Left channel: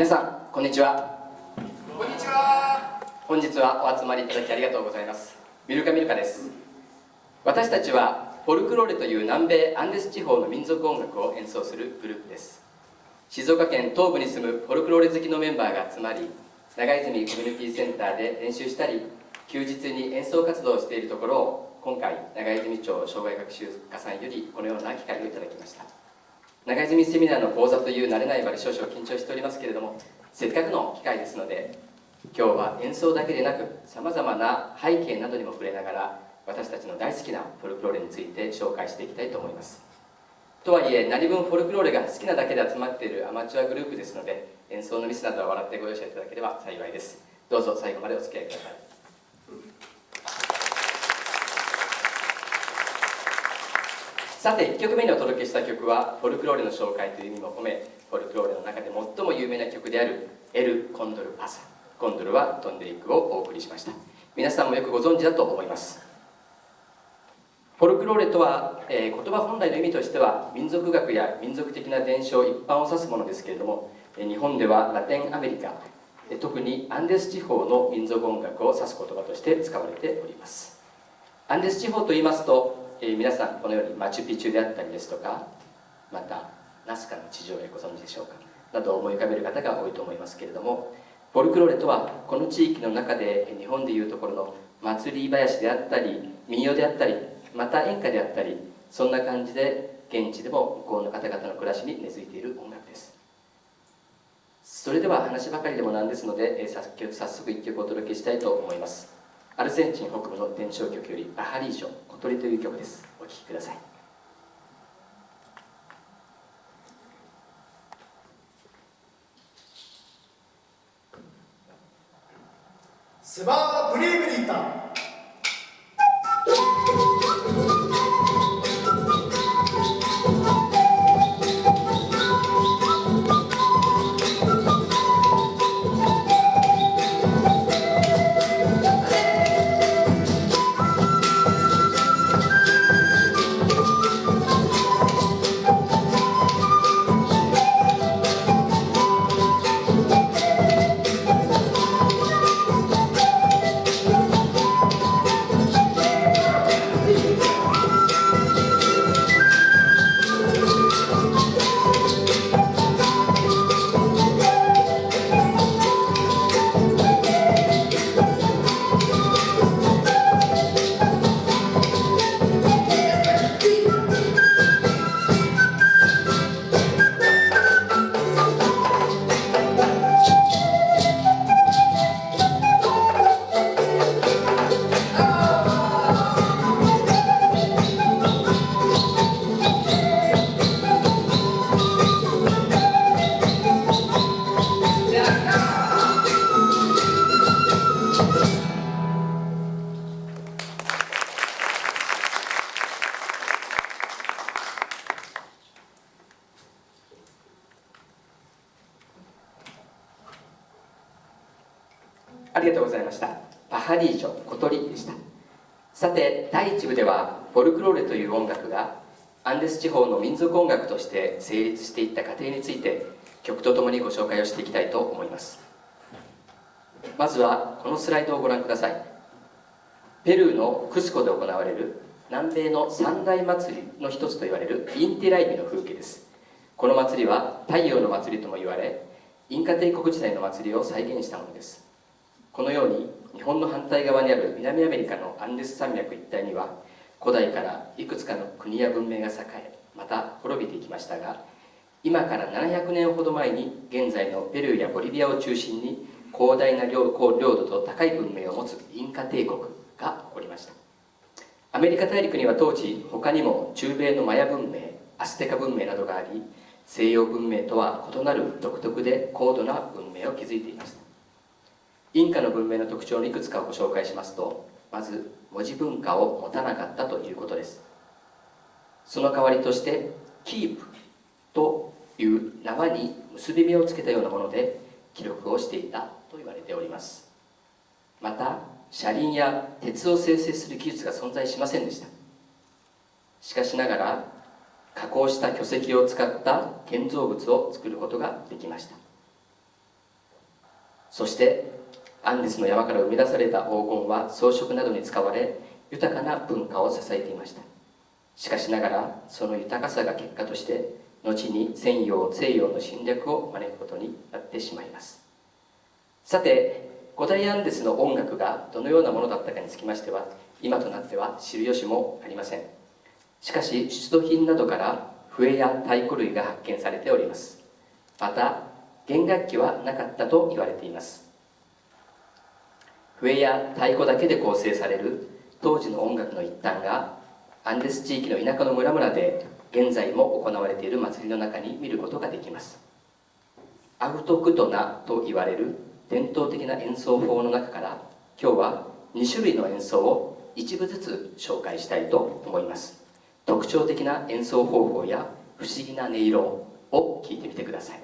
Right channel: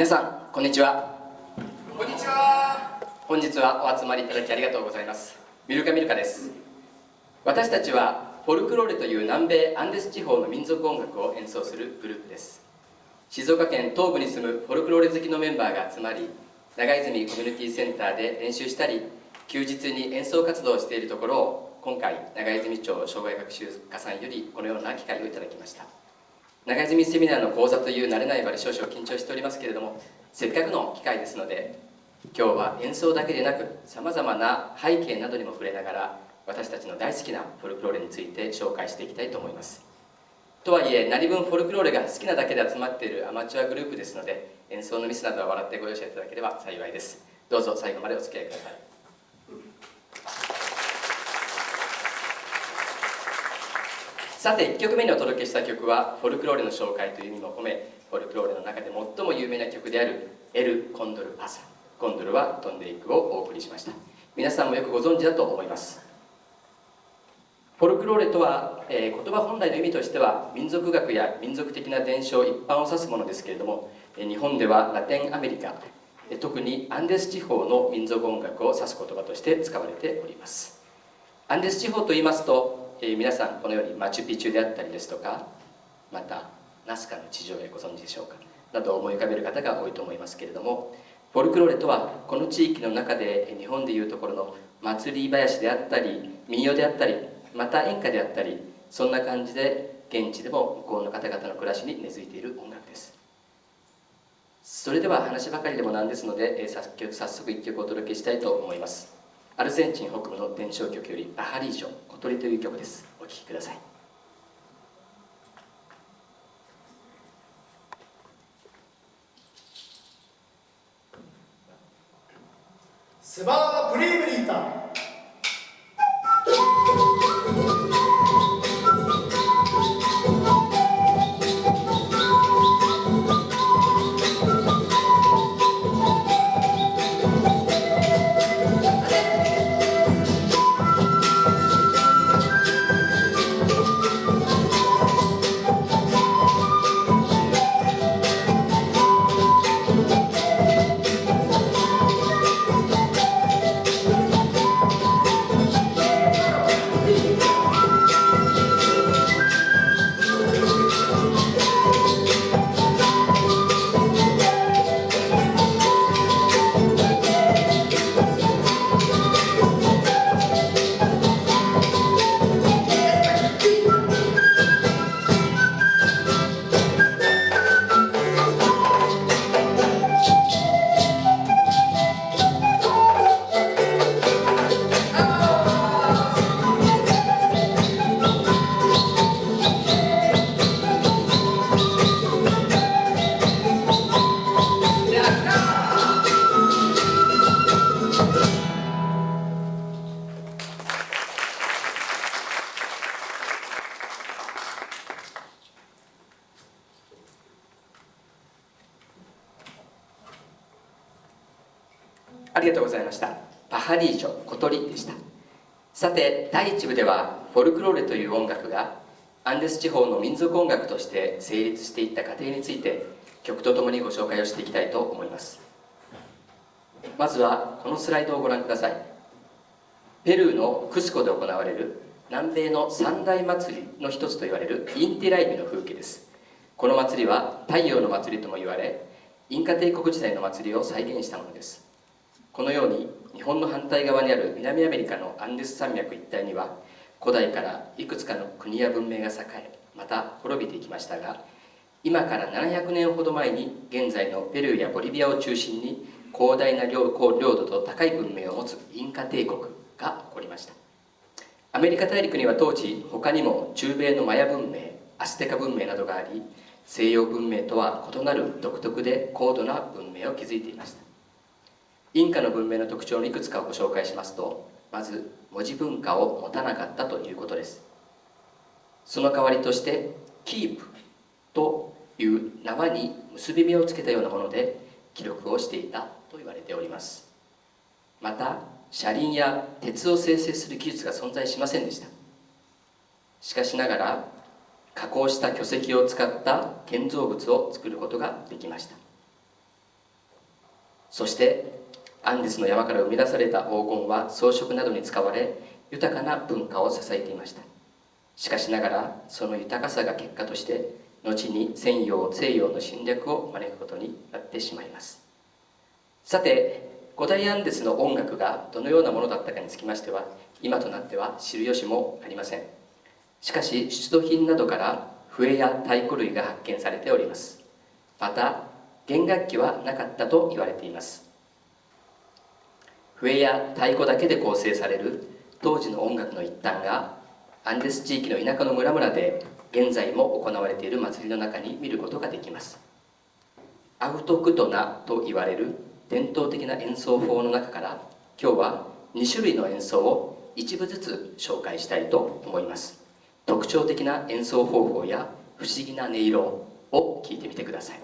皆さんこんにちは。こんにちは。本日はお集まりいただきありがとうございます。ミルカです。私たちはフォルクローレという南米アンデス地方の民族音楽を演奏するグループです。静岡県東部に住むフォルクローレ好きのメンバーが集まり、長泉コミュニティセンターで練習したり、休日に演奏活動をしているところを、今回長泉町障害学習課さんよりこのような機会をいただきました。長泉セミナーの講座という慣れない場で少々緊張しておりますけれども、せっかくの機会ですので、今日は演奏だけでなくさまざまな背景などにも触れながら、私たちの大好きなフォルクローレについて紹介していきたいと思います。とはいえ、何分フォルクローレが好きなだけで集まっているアマチュアグループですので、演奏のミスなどは笑ってご容赦いただければ幸いです。どうぞ最後までお付き合いください。さて、1曲目にお届けした曲はフォルクローレの紹介という意味も込め、フォルクローレの中で最も有名な曲であるエル・コンドル・パサ、コンドルは飛んでいくをお送りしました。皆さんもよくご存知だと思います。フォルクローレとは、言葉本来の意味としては民族学や民族的な伝承一般を指すものですけれども、日本ではラテンアメリカ、特にアンデス地方の民族音楽を指す言葉として使われております。アンデス地方といいますと、皆さんこのようにマチュピチュであったりですとか、またナスカの地上絵ご存知でしょうかなどを思い浮かべる方が多いと思いますけれども、フォルクローレとはこの地域の中で日本でいうところの祭り囃子であったり民謡であったり、また演歌であったり、そんな感じで現地でも向こうの方々の暮らしに根付いている音楽です。それでは話ばかりでもなんですので、早速一曲お届けしたいと思います。アルゼンチン北部の伝承曲よりパハリージョ小鳥という曲です。お聴きください。セバーブリーブリータ。ありがとうございました。パハリージョ小鳥でした。さて、第1部ではフォルクローレという音楽がアンデス地方の民族音楽として成立していった過程について曲とともにご紹介をしていきたいと思います。まずはこのスライドをご覧ください。ペルーのクスコで行われる南米の三大祭りの一つといわれるインティライミの風景です。この祭りは太陽の祭りとも言われ、インカ帝国時代の祭りを再現したものです。このように日本の反対側にある南アメリカのアンデス山脈一帯には古代からいくつかの国や文明が栄え、また滅びていきましたが、今から700年ほど前に現在のペルーやボリビアを中心に広大な領土と高い文明を持つインカ帝国が起こりました。アメリカ大陸には当時他にも中米のマヤ文明、アステカ文明などがあり、西洋文明とは異なる独特で高度な文明を築いていました。インカの文明の特徴のいくつかをご紹介しますと、まず文字文化を持たなかったということです。その代わりとしてキープという縄に結び目をつけたようなもので記録をしていたと言われております。また車輪や鉄を生成する技術が存在しませんでした。しかしながら加工した巨石を使った建造物を作ることができました。そしてアンデスの山から生み出された黄金は装飾などに使われ、豊かな文化を支えていました。しかしながら、その豊かさが結果として後に西洋の侵略を招くことになってしまいます。さて、古代アンデスの音楽がどのようなものだったかにつきましては、今となっては知る由もありません。しかし出土品などから笛や太鼓類が発見されております。また弦楽器はなかったと言われています。笛や太鼓だけで構成される当時の音楽の一端がアンデス地域の田舎の村々で現在も行われている祭りの中に見ることができます。アウトクトナと言われる伝統的な演奏法の中から今日は2種類の演奏を一部ずつ紹介したいと思います。特徴的な演奏方法や不思議な音色を聞いてみてください。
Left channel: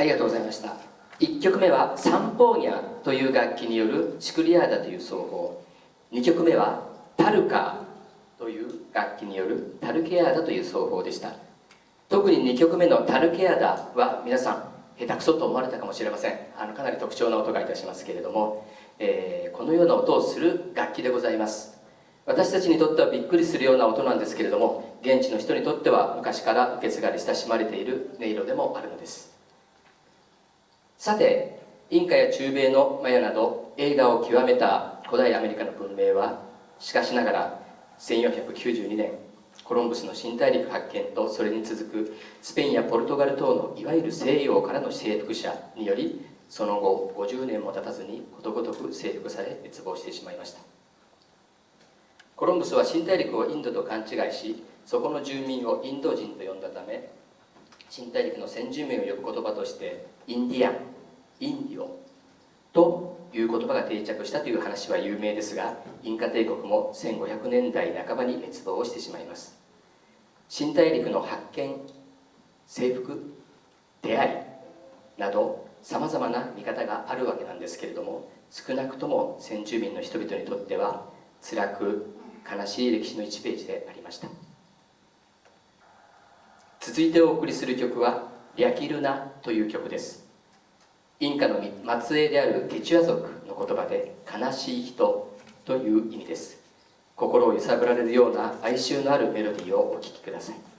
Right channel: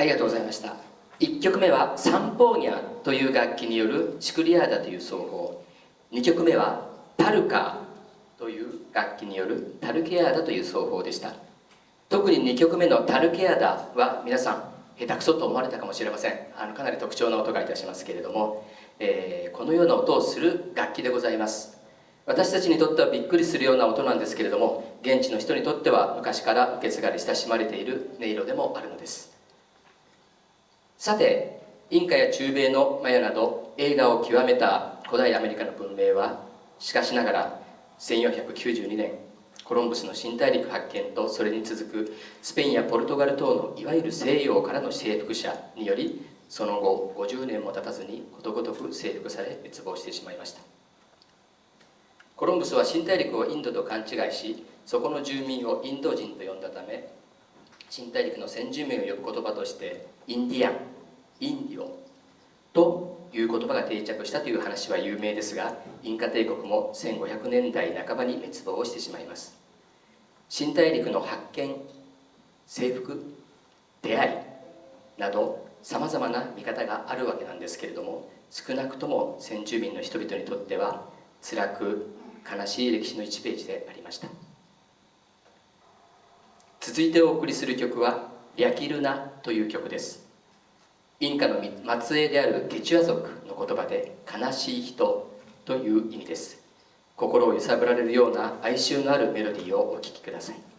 ありがとうございました。1曲目はサンポーニャという楽器によるシクリアーダという奏法、2曲目はタルカーという楽器によるタルケアーダという奏法でした。特に2曲目のタルケアーダは皆さん下手くそと思われたかもしれません。かなり特徴な音がいたしますけれども、このような音をする楽器でございます。私たちにとってはびっくりするような音なんですけれども、現地の人にとっては昔から受け継がれ親しまれている音色でもあるのです。さて、インカや中米のマヤなど栄華を極めた古代アメリカの文明はしかしながら1492年コロンブスの新大陸発見とそれに続くスペインやポルトガル等のいわゆる西洋からの征服者により、その後50年も経たずにことごとく征服され滅亡してしまいました。コロンブスは新大陸をインドと勘違いし、そこの住民をインド人と呼んだため、新大陸の先住民を呼ぶ言葉としてインディアン、インディオという言葉が定着したという話は有名ですが、インカ帝国も1500年代半ばに滅亡してしまいます。新大陸の発見、征服、出会いなどさまざまな見方があるわけなんですけれども、少なくとも先住民の人々にとっては辛く悲しい歴史の1ページでありました。続いてお送りする曲はリャキルナという曲です。インカの末裔であるケチュア族の言葉で悲しい人という意味です。心を揺さぶられるような哀愁のあるメロディーをお聴きください。